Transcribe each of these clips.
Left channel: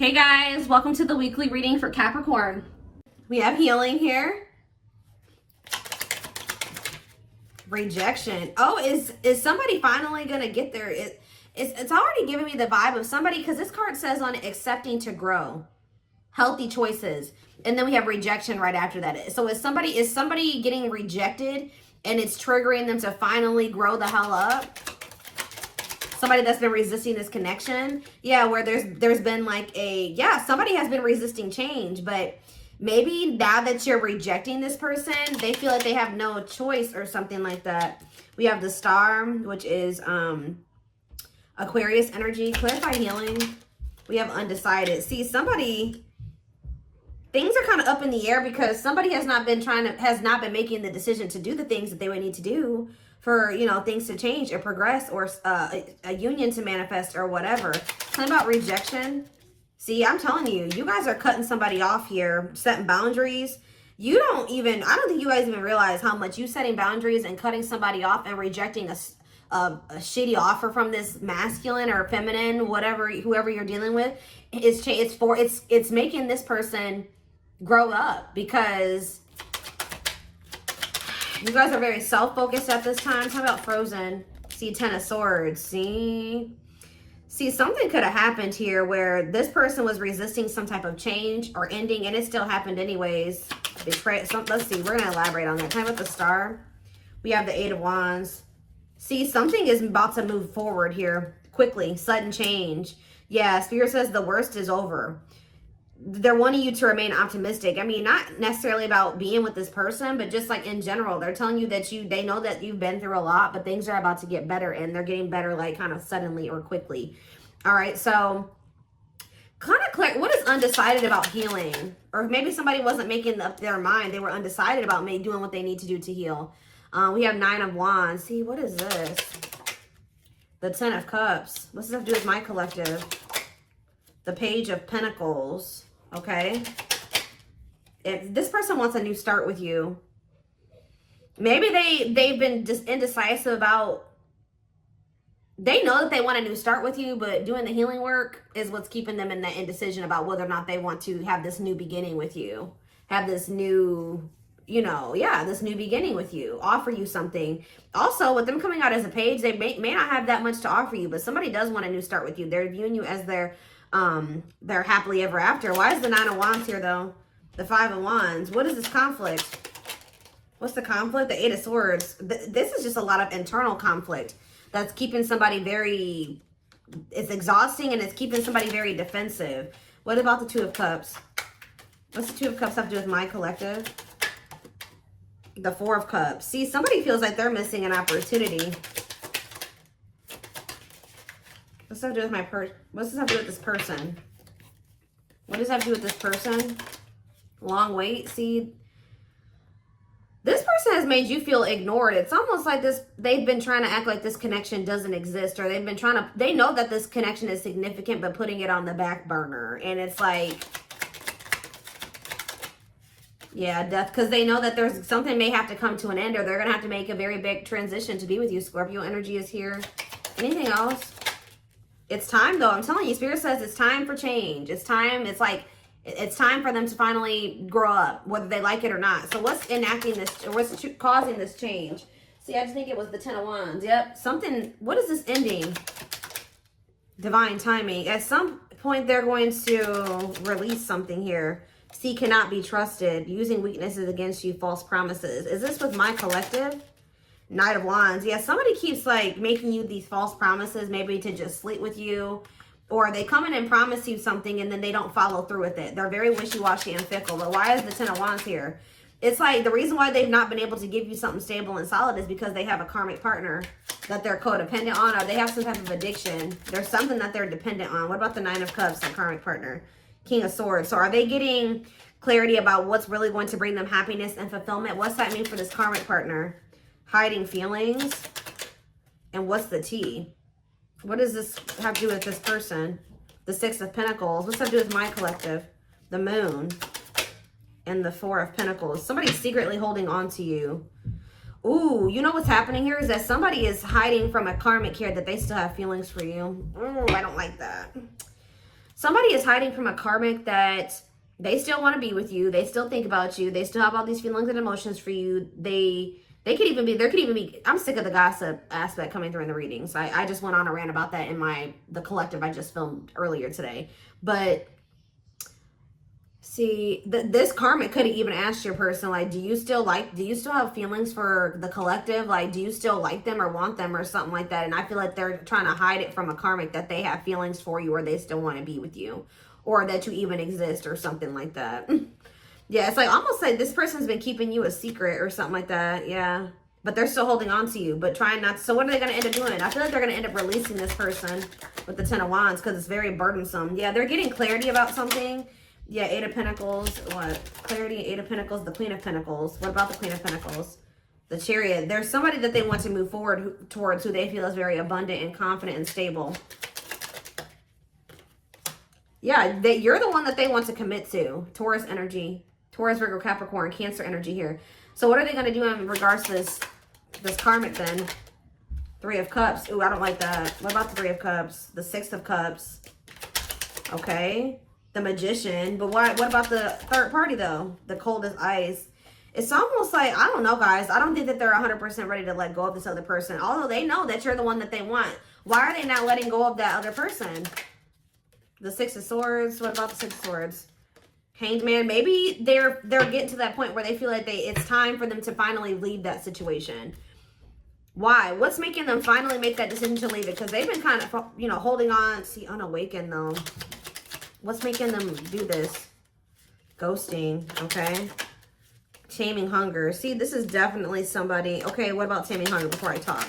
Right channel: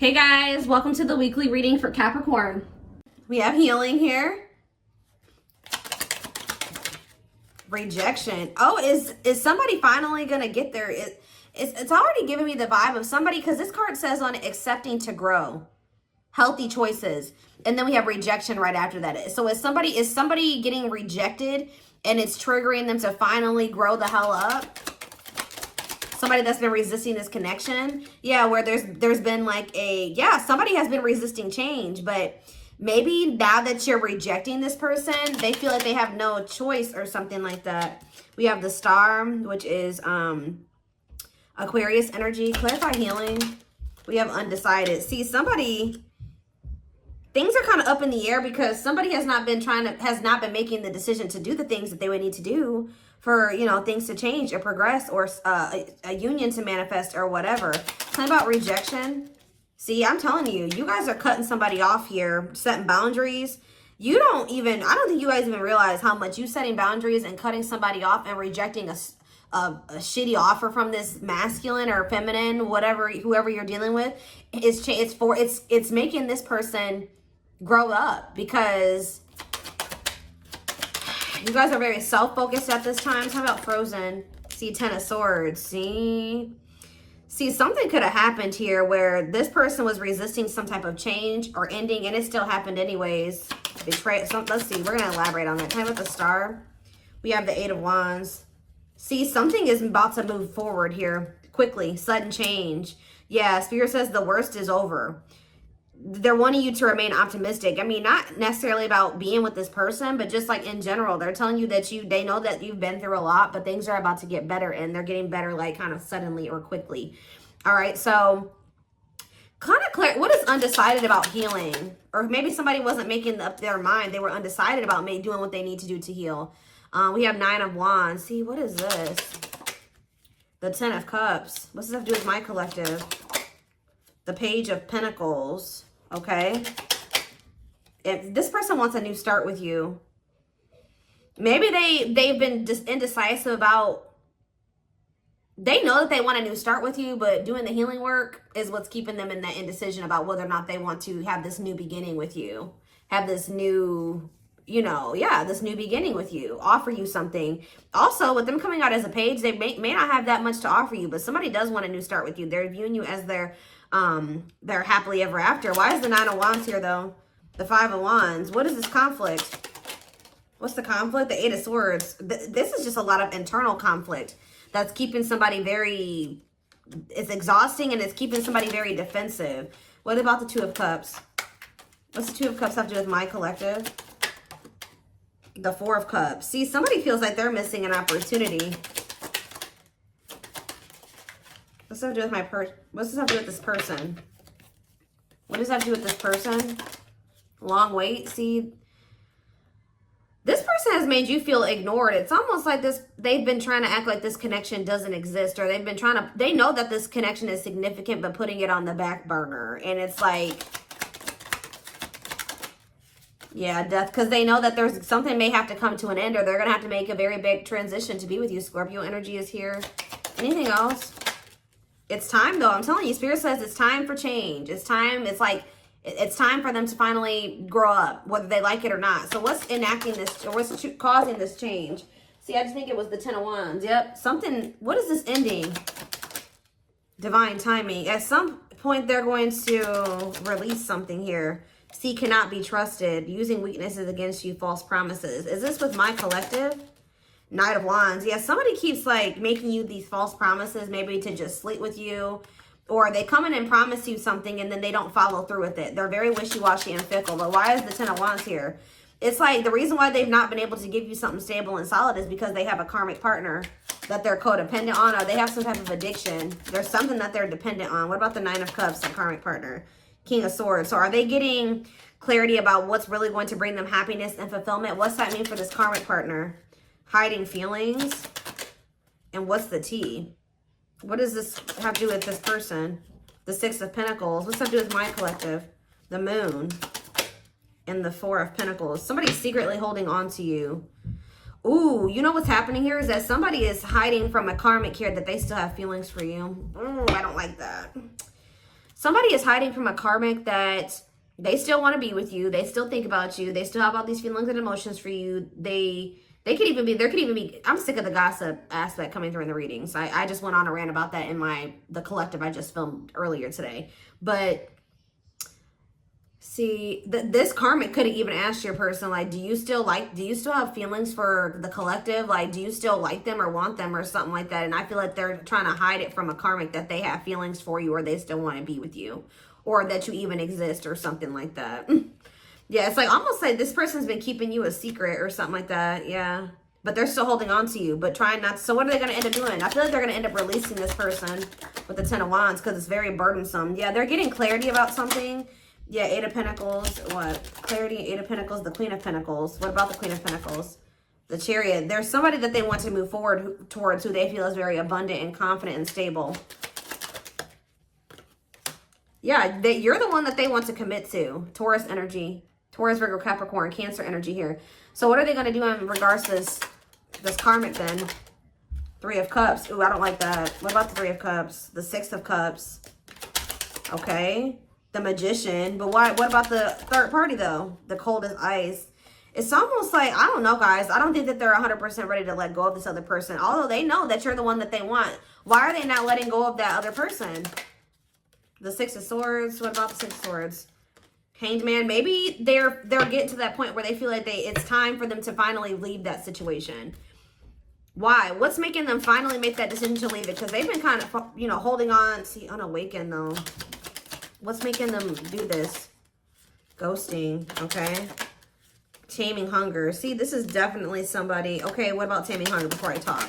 Hey guys, welcome to the weekly reading for Capricorn. We have healing here. Rejection. Oh, is somebody finally gonna get there? It's already giving me the vibe of somebody, because this card says on accepting to grow, healthy choices, and then we have rejection right after that. So is somebody getting rejected and it's triggering them to finally grow the hell up? Somebody that's been resisting this connection. Yeah, where there's been like somebody has been resisting change, but maybe now that you're rejecting this person, they feel like they have no choice or something like that. We have the Star, which is Aquarius energy. Clarify healing. We have undecided. See, things are kind of up in the air because somebody has not been making the decision to do the things that they would need to do for, things to change or progress, or a union to manifest or whatever. Tell me about rejection. See, I'm telling you, you guys are cutting somebody off here, setting boundaries. I don't think you guys even realize how much you setting boundaries and cutting somebody off and rejecting a shitty offer from this masculine or feminine, whoever you're dealing with. It's making this person grow up, because you guys are very self-focused at this time. Talk about Frozen. See, Ten of Swords. See, something could have happened here where this person was resisting some type of change or ending, and it still happened anyways. Betrayal. So let's see. We're going to elaborate on that. Time with the Star. We have the Eight of Wands. See, something is about to move forward here quickly. Sudden change. Yeah, Spirit says the worst is over. They're wanting you to remain optimistic. I mean, not necessarily about being with this person, but just like in general, they're telling you that they know that you've been through a lot, but things are about to get better, and they're getting better like kind of suddenly or quickly. All right, so kind of clear. What is undecided about healing? Or maybe somebody wasn't making up their mind. They were undecided about doing what they need to do to heal. We have Nine of Wands. See, what is this? The Ten of Cups. What's this have to do with my collective? The Page of Pentacles. Okay. If this person wants a new start with you, maybe they've been just indecisive about, they know that they want a new start with you, but doing the healing work is what's keeping them in that indecision about whether or not they want to have this new beginning with you, have this new, this new beginning with you, offer you something. Also, with them coming out as a page, they may not have that much to offer you, but somebody does want a new start with you. They're viewing you as their happily ever after. Why is the Nine of Wands here though? The Five of Wands. What is this conflict? What's the conflict? The Eight of Swords. This is just a lot of internal conflict that's keeping somebody it's exhausting, and it's keeping somebody very defensive. What about the Two of Cups? What's the Two of Cups have to do with my collective? The Four of Cups. See, somebody feels like they're missing an opportunity. What's that have to do with what's this have to do with this person? What does that have to do with this person? Long wait. See, this person has made you feel ignored. It's almost like they've been trying to act like this connection doesn't exist, or they know that this connection is significant, but putting it on the back burner. And it's like, yeah, death, because they know that there's something may have to come to an end, or they're going to have to make a very big transition to be with you. Scorpio energy is here. Anything else? It's time, though. I'm telling you, Spirit says it's time for change. It's time. It's like, it's time for them to finally grow up, whether they like it or not. So what's enacting this, or what's causing this change? See, I just think it was the Ten of Wands. Yep. What is this ending? Divine timing. At some point, they're going to release something here. See, cannot be trusted. Using weaknesses against you, false promises. Is this with my collective? Knight of Wands. Yeah, somebody keeps like making you these false promises, maybe to just sleep with you, or they come in and promise you something and then they don't follow through with it. They're very wishy-washy and fickle. But why is the Ten of Wands here? It's like the reason why they've not been able to give you something stable and solid is because they have a karmic partner that they're codependent on, or they have some type of addiction. There's something that they're dependent on. What about the Nine of Cups, the karmic partner? King of Swords. So are they getting clarity about what's really going to bring them happiness and fulfillment? What's that mean for this karmic partner? Hiding feelings. And what's the tea? What does this have to do with this person? The Six of Pentacles. What's that to do with my collective? The Moon. And the Four of Pentacles. Somebody's secretly holding on to you. Ooh, you know what's happening here is that somebody is hiding from a karmic here that they still have feelings for you. I don't like that. Somebody is hiding from a karmic that they still want to be with you. They still think about you. They still have all these feelings and emotions for you. There could even be, I'm sick of the gossip aspect coming through in the readings. I just went on a rant about that in the collective I just filmed earlier today. But see, this karmic could have even asked your person, like, do you still have feelings for the collective? Like, do you still like them or want them or something like that? And I feel like they're trying to hide it from a karmic that they have feelings for you or they still want to be with you or that you even exist or something like that. Yeah, it's like almost like this person's been keeping you a secret or something like that. Yeah, but they're still holding on to you, but trying not to. So what are they going to end up doing? I feel like they're going to end up releasing this person with the Ten of Wands because it's very burdensome. Yeah, they're getting clarity about something. Yeah, Eight of Pentacles. What? Clarity, Eight of Pentacles, the Queen of Pentacles. What about the Queen of Pentacles? The Chariot. There's somebody that they want to move forward towards who they feel is very abundant and confident and stable. Yeah, you're the one that they want to commit to. Taurus energy. Taurus, Virgo, Capricorn, Cancer energy here. So what are they going to do in regards to this karmic then? Three of Cups. Ooh, I don't like that. What about the Three of Cups? The Six of Cups. Okay. The Magician. But what about the third party though? The Cold as Ice. It's almost like, I don't know, guys. I don't think that they're 100% ready to let go of this other person. Although they know that you're the one that they want. Why are they not letting go of that other person? The Six of Swords. What about the Six of Swords? Hanged Man. Maybe they're getting to that point where they feel like it's time for them to finally leave that situation. Why? What's making them finally make that decision to leave it? Because they've been kind of, you know, holding on. See, unawakened though. What's making them do this? Ghosting. Okay. Taming Hunger. See, this is definitely somebody. Okay, what about Taming Hunger before I talk?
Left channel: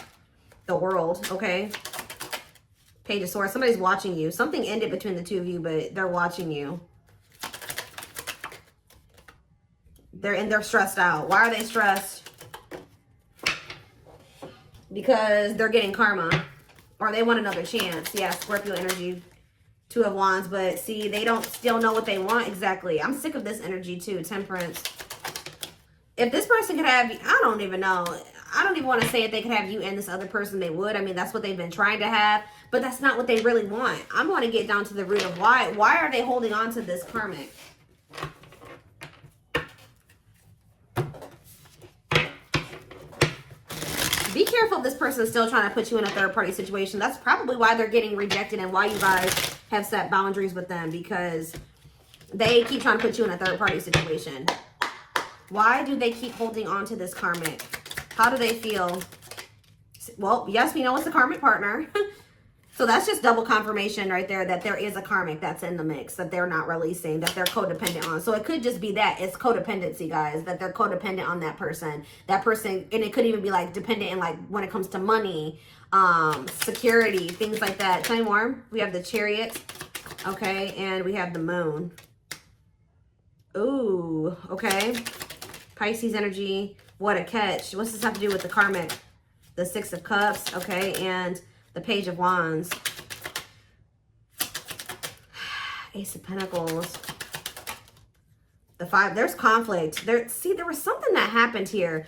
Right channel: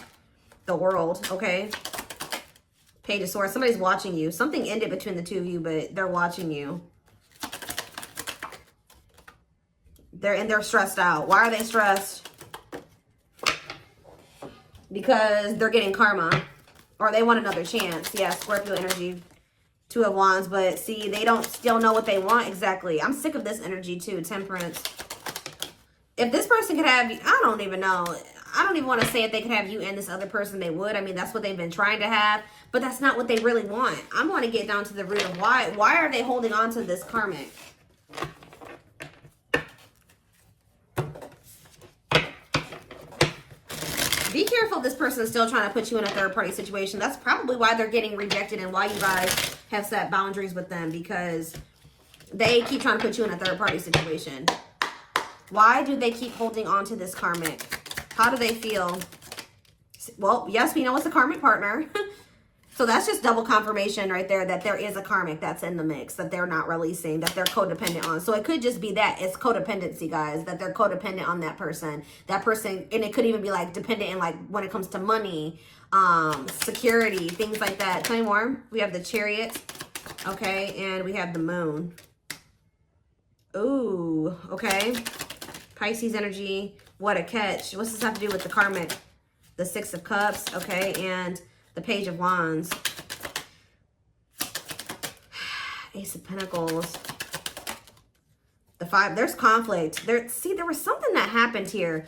The World. Okay. Page of Swords. Somebody's watching you. Something ended between the two of you, but they're watching you. They're stressed out. Why are they stressed? Because they're getting karma. Or they want another chance. Yeah, Scorpio energy. Two of Wands. But see, they don't still know what they want exactly. I'm sick of this energy too. Temperance. If this person could have you, I don't even know. I don't even want to say if they could have you and this other person, they would. I mean, that's what they've been trying to have. But that's not what they really want. I'm going to get down to the root of why. Why are they holding on to this karmic? Be careful if this person is still trying to put you in a third-party situation. That's probably why they're getting rejected and why you guys have set boundaries with them, because they keep trying to put you in a third-party situation. Why do they keep holding on to this karmic? How do they feel? Well, yes, we know it's a karmic partner. So that's just double confirmation right there that there is a karmic that's in the mix that they're not releasing, that they're codependent on. So it could just be that it's codependency, guys, that they're codependent on that person. That person, and it could even be like dependent in like when it comes to money, security, things like that. Tell me more. We have the Chariot, okay, and we have the Moon. Ooh, okay. Pisces energy. What a catch. What's this have to do with the karmic? The Six of Cups, okay, and the Page of Wands. Ace of Pentacles. The Five. There's conflict. See, there was something that happened here.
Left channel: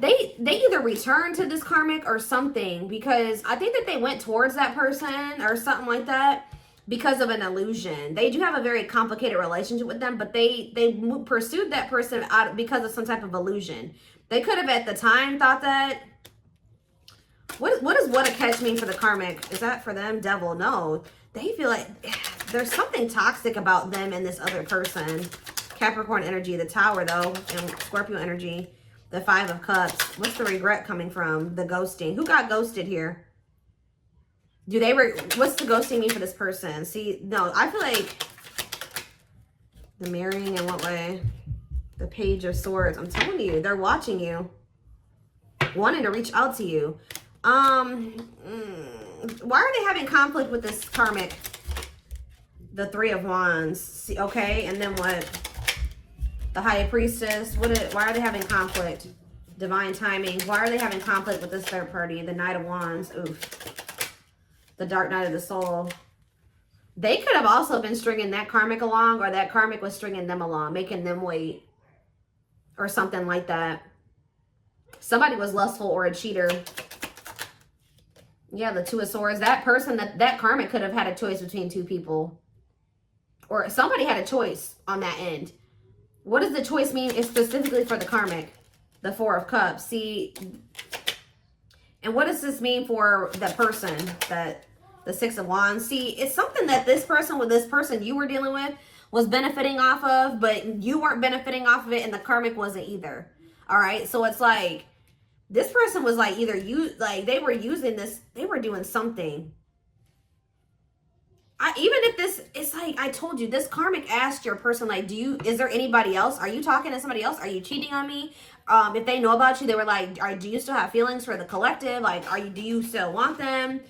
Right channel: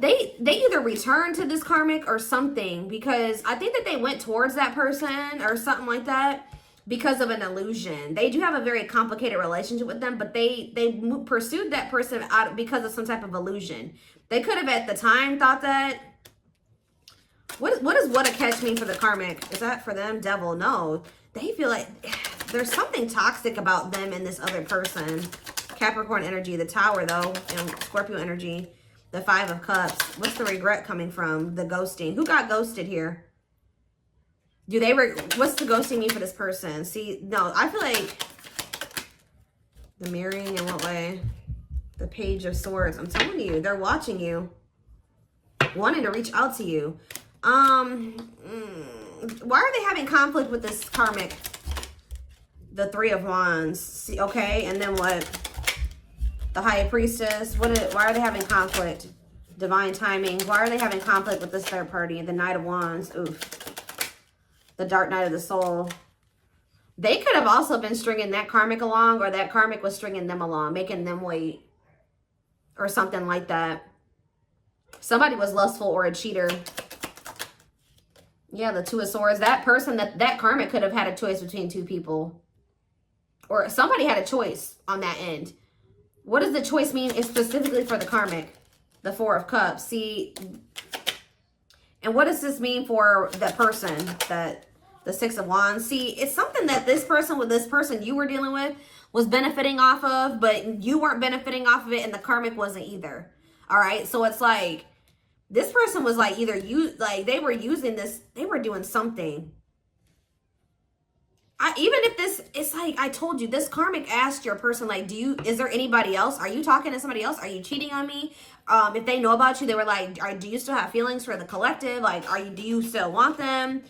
They either returned to this karmic or something, because I think that they went towards that person or something like that because of an illusion. They do have a very complicated relationship with them, but they pursued that person because of some type of illusion. They could have at the time thought that. What does what a catch mean for the karmic? Is that for them? Devil? No. They feel like there's something toxic about them and this other person. Capricorn energy, the Tower though, and Scorpio energy, the Five of Cups. What's the regret coming from? The ghosting. Who got ghosted here? What's the ghosting mean for this person? See, no, I feel like the marrying in what way? The Page of Swords. I'm telling you, they're watching you, wanting to reach out to you. Why are they having conflict with this karmic? The Three of Wands. See, okay, and then what? The High Priestess. Why are they having conflict? Divine Timing. Why are they having conflict with this third party? The Knight of Wands. Oof. The Dark Night of the Soul. They could have also been stringing that karmic along, or that karmic was stringing them along, making them wait, or something like that. Somebody was lustful or a cheater. Yeah, the Two of Swords. That person, that karmic could have had a choice between two people. or somebody had a choice on that end. What does the choice mean? It's specifically for the karmic, the Four of Cups. See, and what does this mean for the person, that the Six of Wands? See, it's something that this person with this person you were dealing with was benefiting off of, but you weren't benefiting off of it, and the karmic wasn't either. All right, so it's like this person was like either they were using this, they were doing something. Even if this, it's like I told you, this karmic asked your person, like, is there anybody else? Are you talking to somebody else? Are you cheating on me? If they know about you, they were like, do you still have feelings for the collective? Like, do you still want them?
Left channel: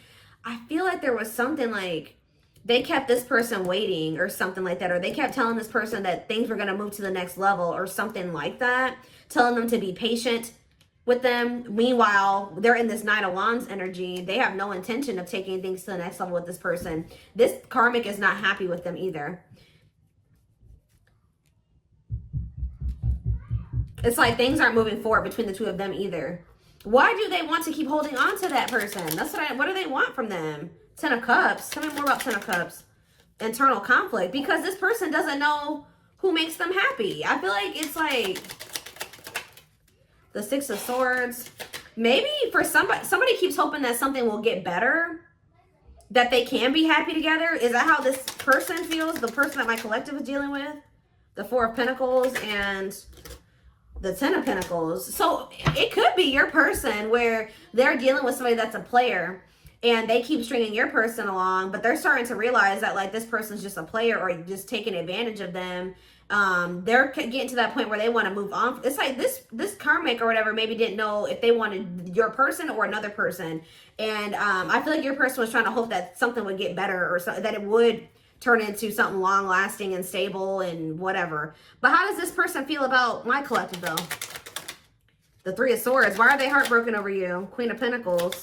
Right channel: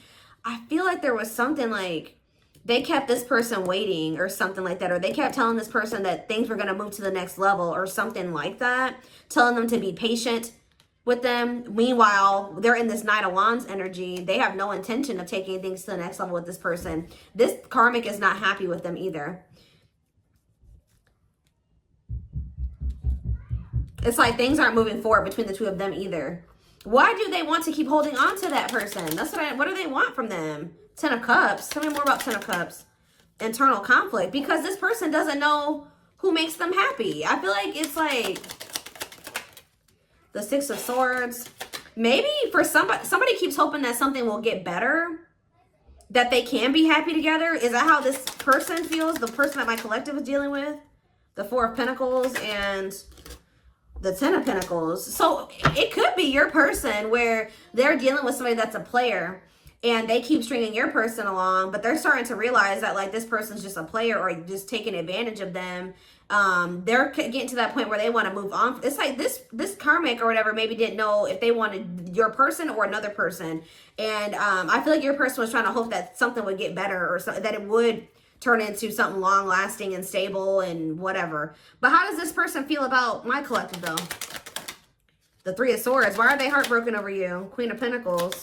I feel like there was something like they kept this person waiting or something like that, or they kept telling this person that things were going to move to the next level or something like that, telling them to be patient with them. Meanwhile, they're in this Nine of Wands energy. They have no intention of taking things to the next level with this person. This karmic is not happy with them either. It's like things aren't moving forward between the two of them either. Why do they want to keep holding on to that person? That's what do they want from them? Ten of Cups. Tell me more about Ten of Cups. Internal conflict. Because this person doesn't know who makes them happy. I feel like it's like the Six of Swords. Maybe for somebody keeps hoping that something will get better, that they can be happy together. Is that how this person feels? The person that my collective is dealing with? The Four of Pentacles and the Ten of Pentacles. So it could be your person where they're dealing with somebody that's a player and they keep stringing your person along, but they're starting to realize that like this person's just a player or just taking advantage of them. They're getting to that point where they want to move on. It's like this karmic or whatever maybe didn't know if they wanted your person or another person. And I feel like your person was trying to hope that something would get better or something, that it would turn into something long lasting and stable and whatever. But how does this person feel about my collective though? The Three of Swords. Why are they heartbroken over you? Queen of Pentacles.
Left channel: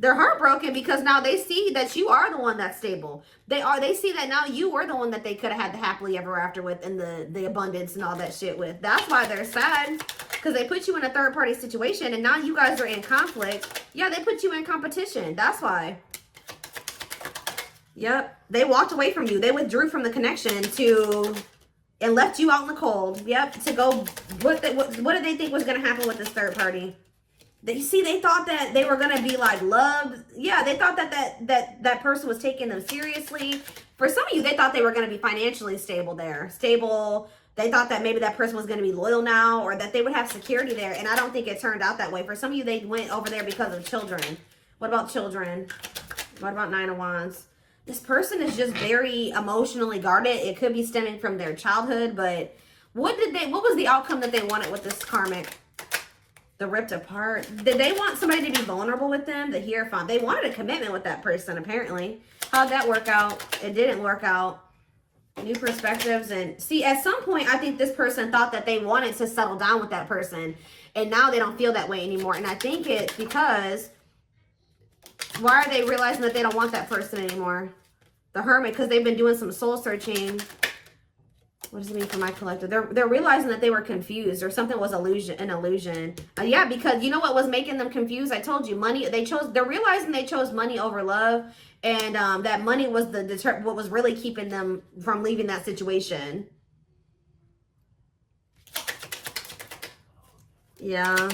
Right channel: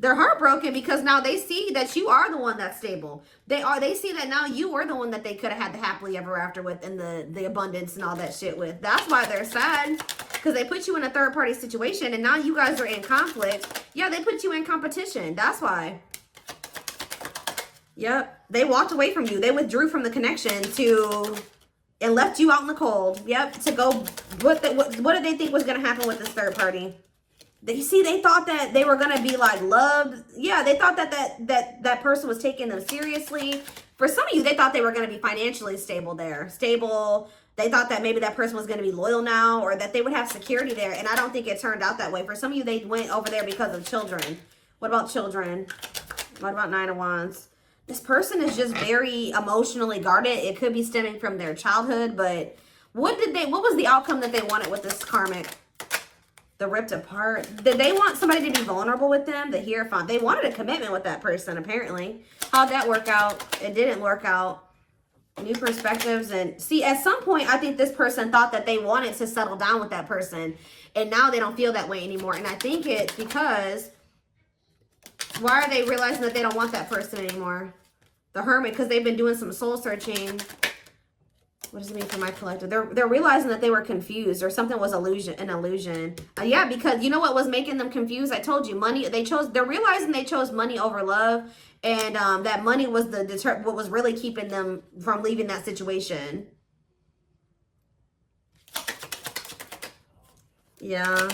They're heartbroken because now they see that you are the one that's stable. They see that now you are the one that they could have had the happily ever after with and the abundance and all that shit with. That's why they're sad. Because they put you in a third party situation and now you guys are in conflict. Yeah, they put you in competition. That's why. Yep. They walked away from you. They withdrew from the connection and left you out in the cold. Yep. To go, what did they think was going to happen with this third party? They thought that they were going to be like loved. Yeah, they thought that person was taking them seriously. For some of you, they thought they were going to be financially stable there. Stable. They thought that maybe that person was going to be loyal now or that they would have security there. And I don't think it turned out that way. For some of you, they went over there because of children. What about children? What about Nine of Wands? This person is just very emotionally guarded. It could be stemming from their childhood, but what was the outcome that they wanted with this karmic? The ripped apart. Did they want somebody to be vulnerable with them? The Hierophant. They wanted a commitment with that person, apparently. How'd that work out? It didn't work out. New perspectives. And see, at some point, I think this person thought that they wanted to settle down with that person. And now they don't feel that way anymore. And I think it's because, why are they realizing that they don't want that person anymore? The Hermit, because they've been doing some soul searching. What does it mean for my collective? They're realizing that they were confused or something was an illusion. Yeah, because you know what was making them confused? I told you, money. They're realizing they chose money over love, and that money was what was really keeping them from leaving that situation. Yeah.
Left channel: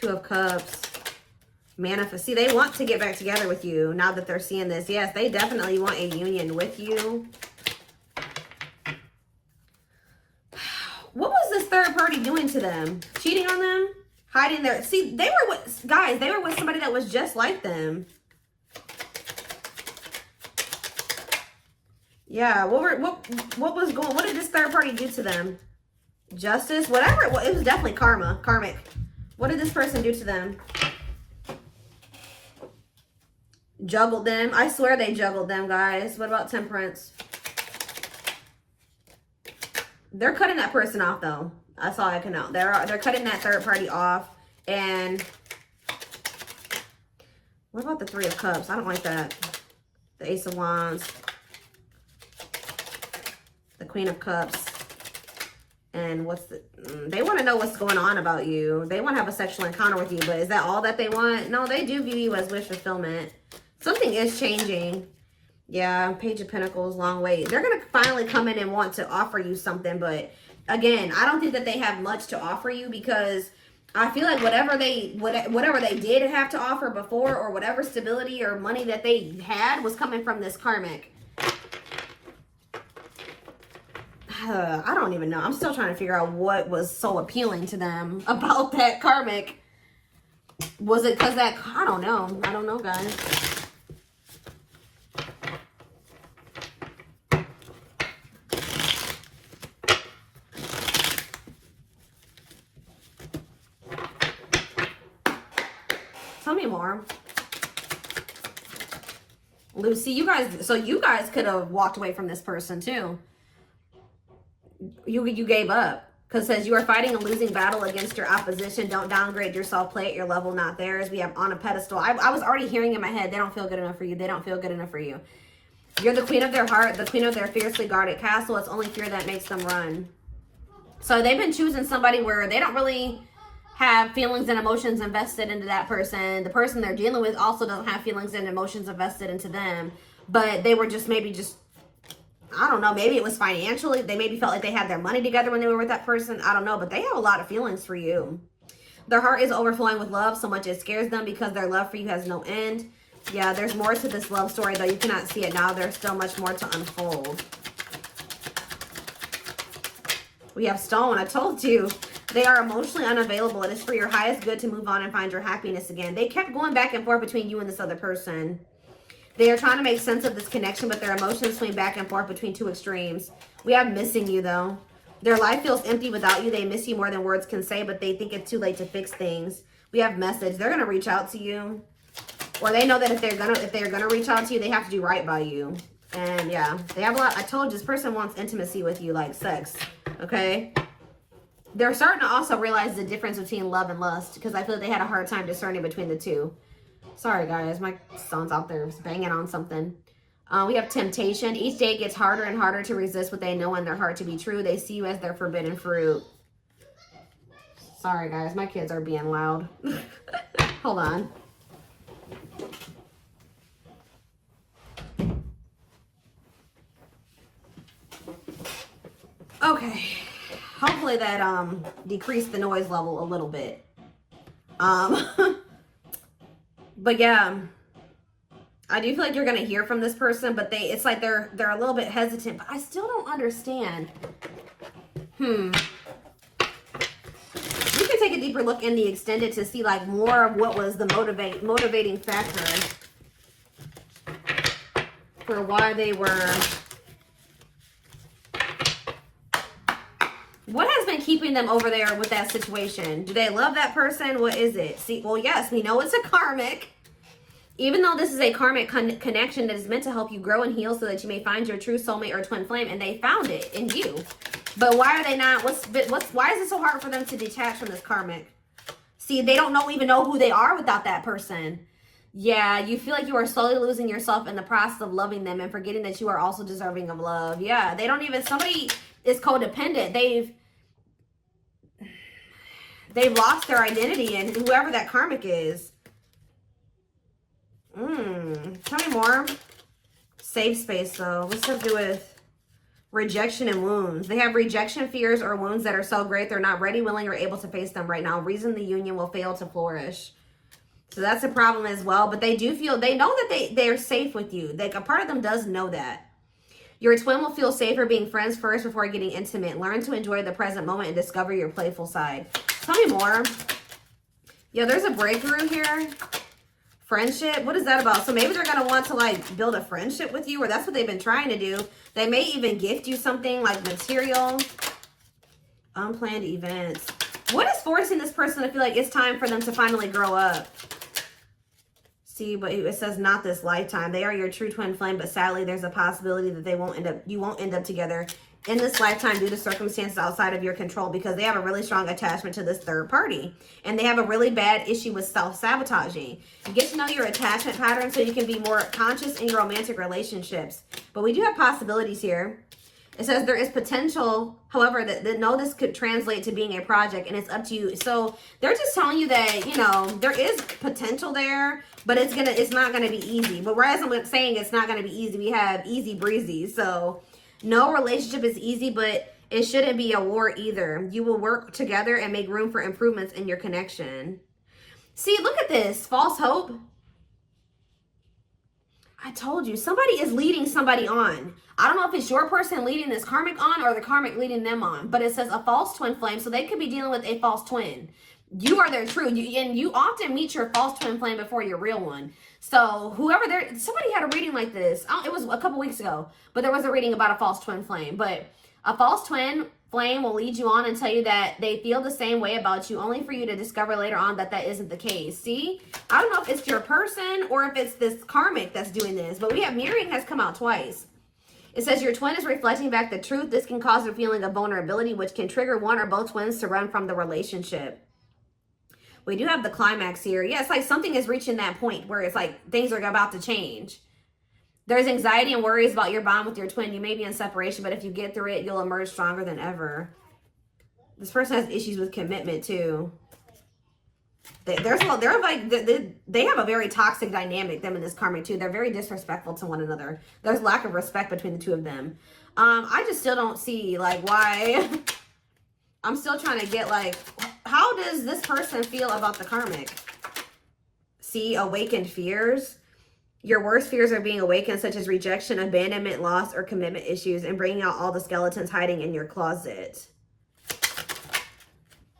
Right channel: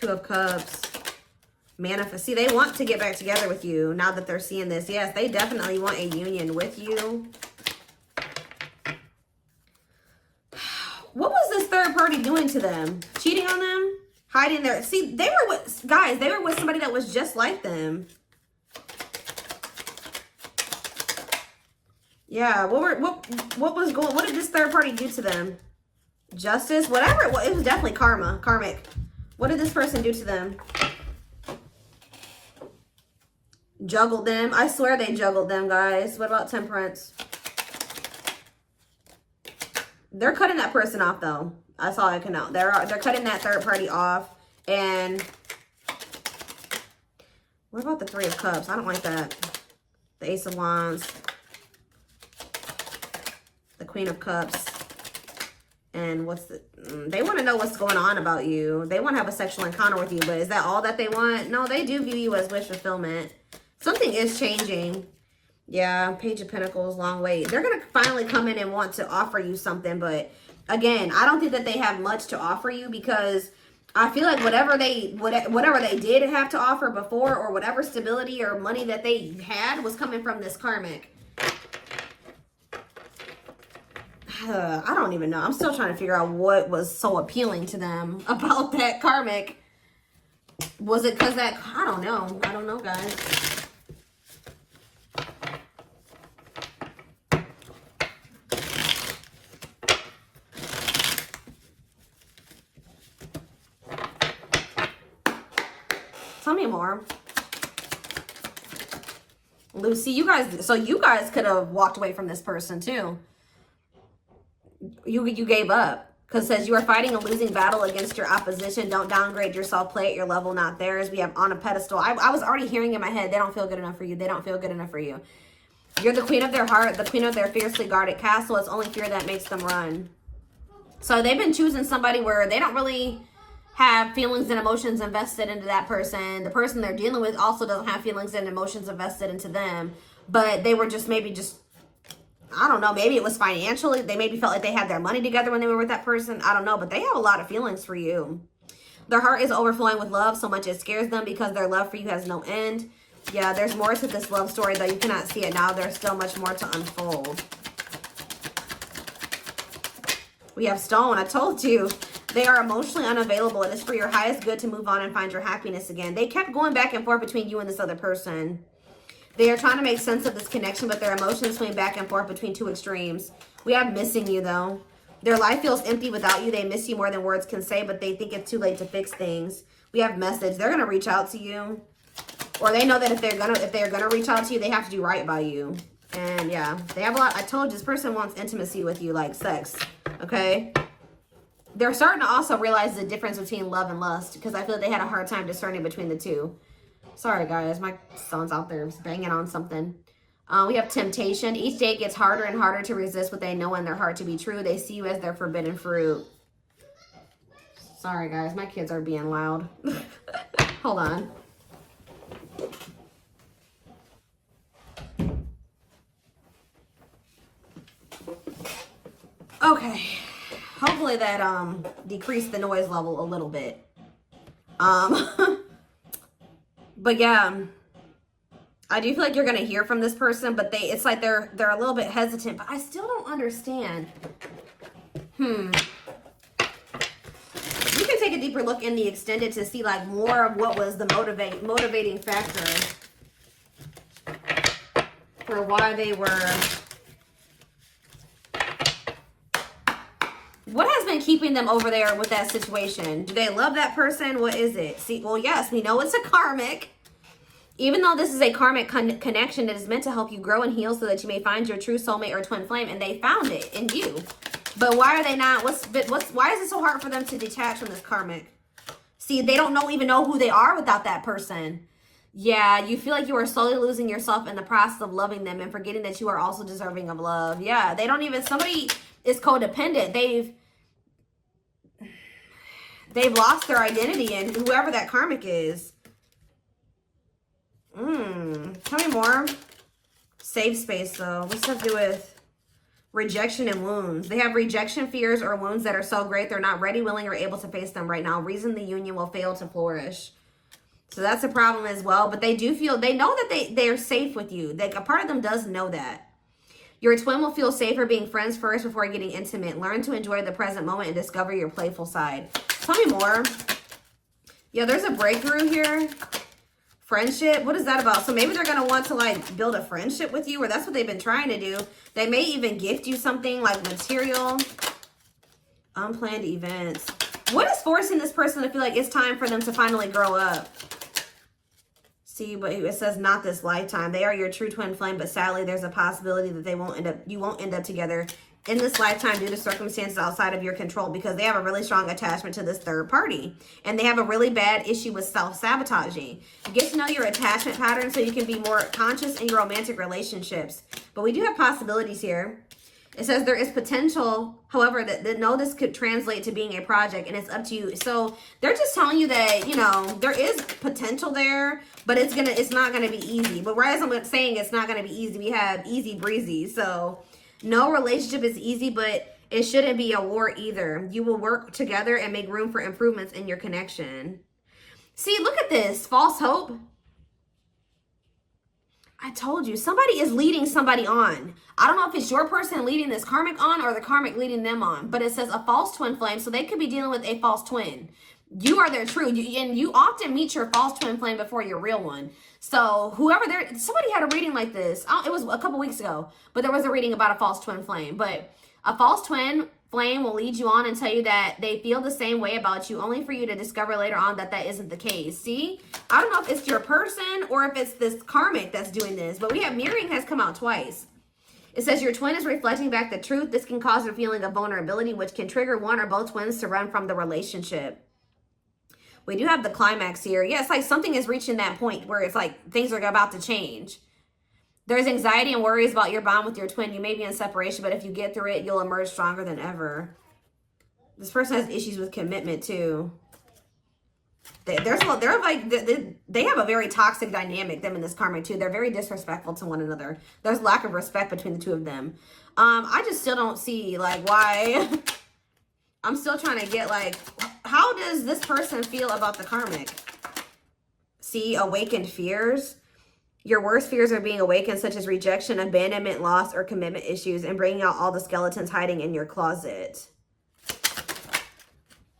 Two of Cups. Manifest. See, they want to get back together with you now that they're seeing this. Yes, they definitely want a union with you. What was this third party doing to them? Cheating on them? Hiding their... See, they were with... Guys, they were with somebody that was just like them. Yeah, what was going... What did this third party do to them? Justice? Whatever it was. It was definitely karma. Karmic. What did this person do to them? Juggled them. I swear they juggled them, guys. What about Temperance? They're cutting that person off, though. That's all I can know. They're cutting that third party off. And what about the Three of Cups? I don't like that. The Ace of Wands. The Queen of Cups. And what's the... they want to know what's going on about you. They want to have a sexual encounter with you. But is that all that they want? No, they do view you as wish fulfillment. Something is changing. Yeah, Page of Pentacles, long wait. They're going to finally come in and want to offer you something. But again, I don't think that they have much to offer you, because I feel like whatever they did have to offer before, or whatever stability or money that they had, was coming from this karmic. I don't even know. I'm still trying to figure out what was so appealing to them about that karmic. Was it because that, I don't know. I don't know, guys. Tell me more. Lucy, you guys could have walked away from this person too. You gave up. Because it says you are fighting a losing battle against your opposition. Don't downgrade yourself. Play at your level, not theirs. We have on a pedestal. I was already hearing in my head, they don't feel good enough for you. They don't feel good enough for you. You're the queen of their heart, the queen of their fiercely guarded castle. It's only fear that makes them run. So they've been choosing somebody where they don't really have feelings and emotions invested into that person. The person they're dealing with also doesn't have feelings and emotions invested into them. But they were just I don't know, maybe it was financially. They maybe felt like they had their money together when they were with that person. I don't know, but they have a lot of feelings for you. Their heart is overflowing with love so much it scares them, because their love for you has no end. Yeah, there's more to this love story, though. You cannot see it now. There's still much more to unfold. We have Stone. I told you. They are emotionally unavailable. It is for your highest good to move on and find your happiness again. They kept going back and forth between you and this other person. They are trying to make sense of this connection, but their emotions swing back and forth between two extremes. We have missing you, though. Their life feels empty without you. They miss you more than words can say, but they think it's too late to fix things. We have message. They're gonna reach out to you, or they know that if they're gonna reach out to you, they have to do right by you. And yeah, they have a lot. I told you, this person wants intimacy with you, like sex. Okay. They're starting to also realize the difference between love and lust, because I feel like they had a hard time discerning between the two. Sorry, guys. My son's out there banging on something. We have temptation. Each day gets harder and harder to resist what they know in their heart to be true. They see you as their forbidden fruit. Sorry, guys. My kids are being loud. Hold on. Okay. Hopefully that decreased the noise level a little bit. But yeah, I do feel like you're gonna hear from this person, but it's like they're a little bit hesitant. But I still don't understand. You can take a deeper look in the extended to see like more of what was the motivating factor for why they were. What has been keeping them over there with that situation? Do they love that person? What is it? See, well, yes, we know it's a karmic. Even though this is a karmic connection, it is meant to help you grow and heal so that you may find your true soulmate or twin flame, and they found it in you. But why are they not? Why is it so hard for them to detach from this karmic? See, they don't even know who they are without that person. Yeah, you feel like you are slowly losing yourself in the process of loving them and forgetting that you are also deserving of love. Yeah, they don't even, somebody is codependent. They've lost their identity in whoever that karmic is. Tell me more. Safe space, though. What's to do with rejection and wounds? They have rejection fears or wounds that are so great they're not ready, willing, or able to face them right now. Reason the union will fail to flourish. So that's a problem as well. But they do feel, they know that they're safe with you. Like, a part of them does know that. Your twin will feel safer being friends first before getting intimate. Learn to enjoy the present moment and discover your playful side. Tell me more. Yeah, there's a breakthrough here. Friendship. What is that about? So maybe they're going to want to like build a friendship with you, or that's what they've been trying to do. They may even gift you something like material. Unplanned events. What is forcing this person to feel like it's time for them to finally grow up? See, but it says not this lifetime. They are your true twin flame, but sadly there's a possibility that you won't end up together in this lifetime due to circumstances outside of your control, because they have a really strong attachment to this third party, and they have a really bad issue with self-sabotaging. Get to know your attachment pattern so you can be more conscious in your romantic relationships. But we do have possibilities here. It says there is potential, however, that no, this could translate to being a project, and it's up to you. So they're just telling you that, you know, there is potential there, but it's not gonna be easy. But whereas I'm saying it's not gonna be easy, we have easy breezy. So no relationship is easy, but it shouldn't be a war either. You will work together and make room for improvements in your connection. See, look at this, false hope. I told you, somebody is leading somebody on. I don't know if it's your person leading this karmic on or the karmic leading them on, but it says a false twin flame, so they could be dealing with a false twin. You are their true, and you often meet your false twin flame before your real one. So whoever somebody had a reading like this. It was a couple weeks ago, but there was a reading about a false twin flame. But a false twin flame will lead you on and tell you that they feel the same way about you, only for you to discover later on that that isn't the case. See, I don't know if it's your person or if it's this karmic that's doing this, but we have mirroring has come out twice. It says your twin is reflecting back the truth. This can cause a feeling of vulnerability, which can trigger one or both twins to run from the relationship. We do have the climax here. Yeah, it's like something is reaching that point where it's like things are about to change. There's anxiety and worries about your bond with your twin. You may be in separation, but if you get through it, you'll emerge stronger than ever. This person has issues with commitment too. They have a very toxic dynamic, them and this karmic too. They're very disrespectful to one another. There's lack of respect between the two of them. I just still don't see like why. I'm still trying to get like, how does this person feel about the karmic? See, awakened fears. Your worst fears are being awakened, such as rejection, abandonment, loss, or commitment issues, and bringing out all the skeletons hiding in your closet.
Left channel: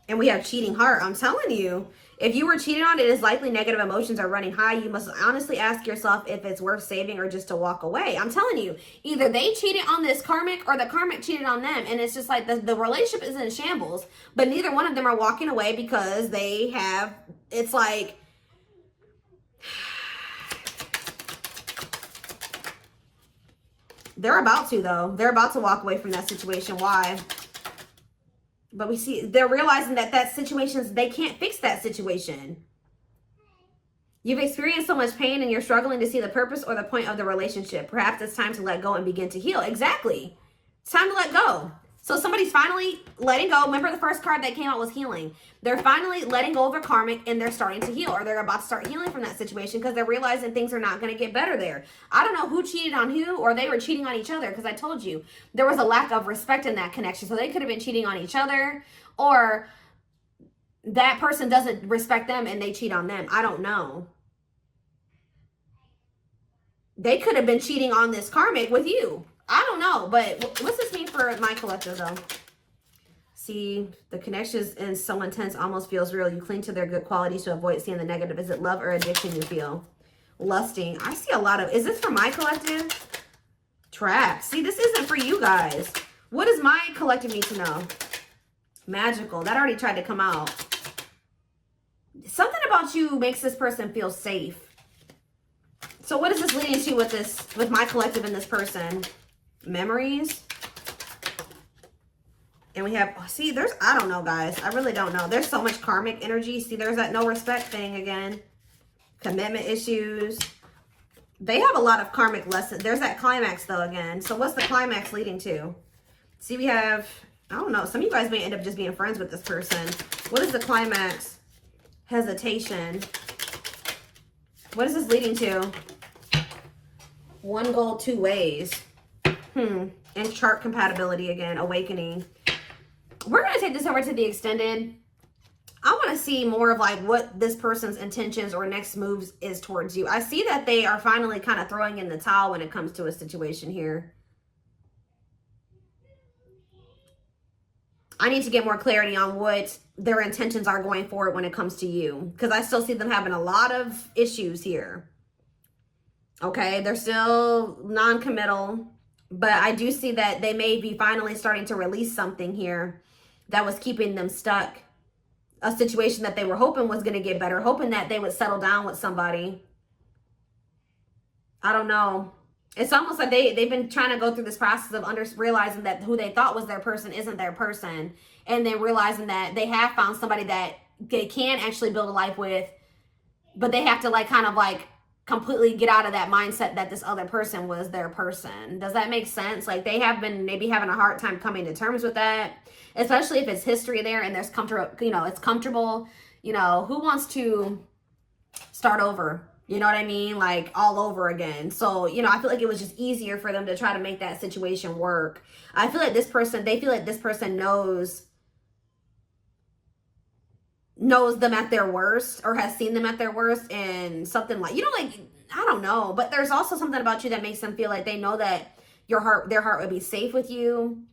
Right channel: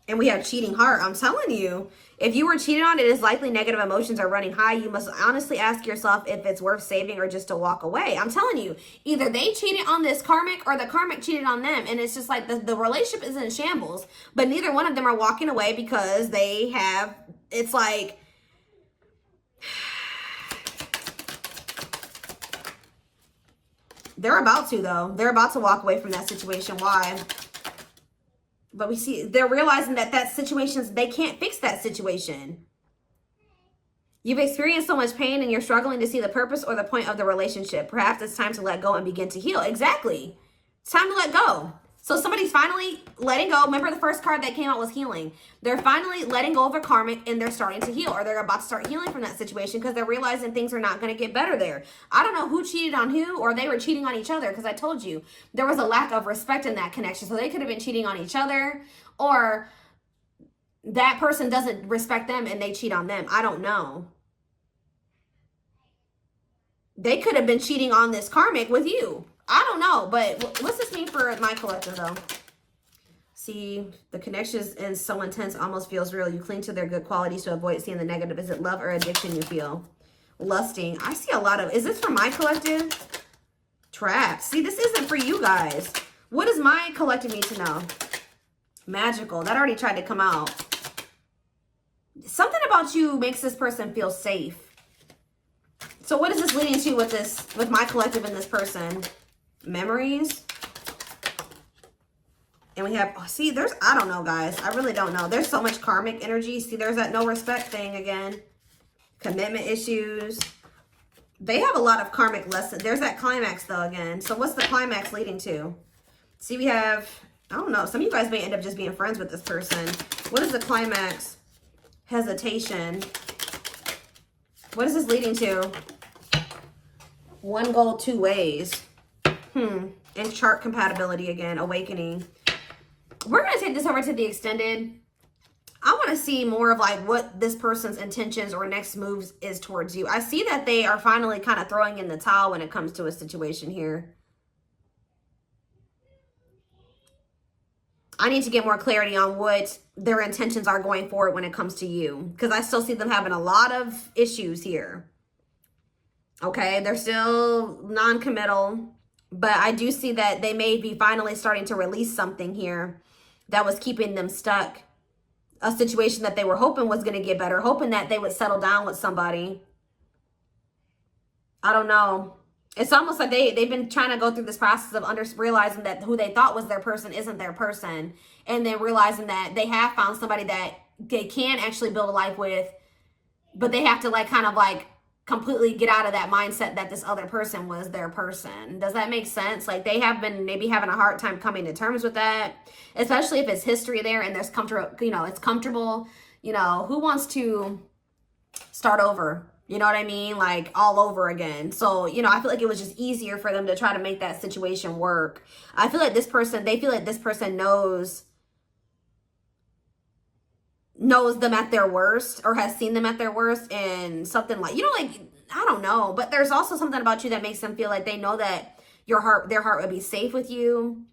And we have cheating heart. I'm telling you, if you were cheated on, it is likely negative emotions are running high. You must honestly ask yourself if it's worth saving or just to walk away. I'm telling you, either they cheated on this karmic or the karmic cheated on them. And it's just like the relationship is in shambles, but neither one of them are walking away because they have, it's like, they're about to though. They're about to walk away from that situation. Why? But we see they're realizing that situations, they can't fix that situation. You've experienced so much pain and you're struggling to see the purpose or the point of the relationship. Perhaps it's time to let go and begin to heal. Exactly. It's time to let go. So somebody's finally letting go. Remember the first card that came out was healing. They're finally letting go of a karmic and they're starting to heal, or they're about to start healing from that situation because they're realizing things are not going to get better there. I don't know who cheated on who, or they were cheating on each other, because I told you there was a lack of respect in that connection. So they could have been cheating on each other, or that person doesn't respect them and they cheat on them. I don't know. They could have been cheating on this karmic with you. I don't know, but what's this mean for my collective though? See, the connection is so intense, almost feels real. You cling to their good qualities to avoid seeing the negative. Is it love or addiction you feel? Lusting. I see a lot of, is this for my collective? Trap. See, this isn't for you guys. What does my collective need to know? Magical. That already tried to come out. Something about you makes this person feel safe. So what is this leading to with my collective and this person? Memories. And we have, see, I don't know, guys. I really don't know. There's so much karmic energy. See, there's that no respect thing again. Commitment issues. They have a lot of karmic lessons. There's that climax, though, again. So what's the climax leading to? See, we have, I don't know. Some of you guys may end up just being friends with this person. What is the climax? Hesitation. What is this leading to? One goal, two ways. And chart compatibility again. Awakening. We're going to take this over to the extended. I want to see more of like what this person's intentions or next moves is towards you. I see that they are finally kind of throwing in the towel when it comes to a situation here. I need to get more clarity on what their intentions are going forward when it comes to you, because I still see them having a lot of issues here. Okay, they're still non-committal, but I do see that they may be finally starting to release something here that was keeping them stuck. A situation that they were hoping was going to get better, hoping that they would settle down with somebody. I don't know. It's almost like they've been trying to go through this process of realizing that who they thought was their person isn't their person. And they're realizing that they have found somebody that they can actually build a life with, but they have to like kind of like completely get out of that mindset that this other person was their person. Does that make sense? Like, they have been maybe having a hard time coming to terms with that, especially if it's history there and there's comfortable, you know, it's comfortable. You know, who wants to start over? You know what I mean? Like, all over again. So, you know, I feel like it was just easier for them to try to make that situation work. I feel like this person, they feel like this person knows them at their worst, or has seen them at their worst, and something like, you know, like, I don't know, but there's also something about you that makes them feel like they know that their heart would be safe with you,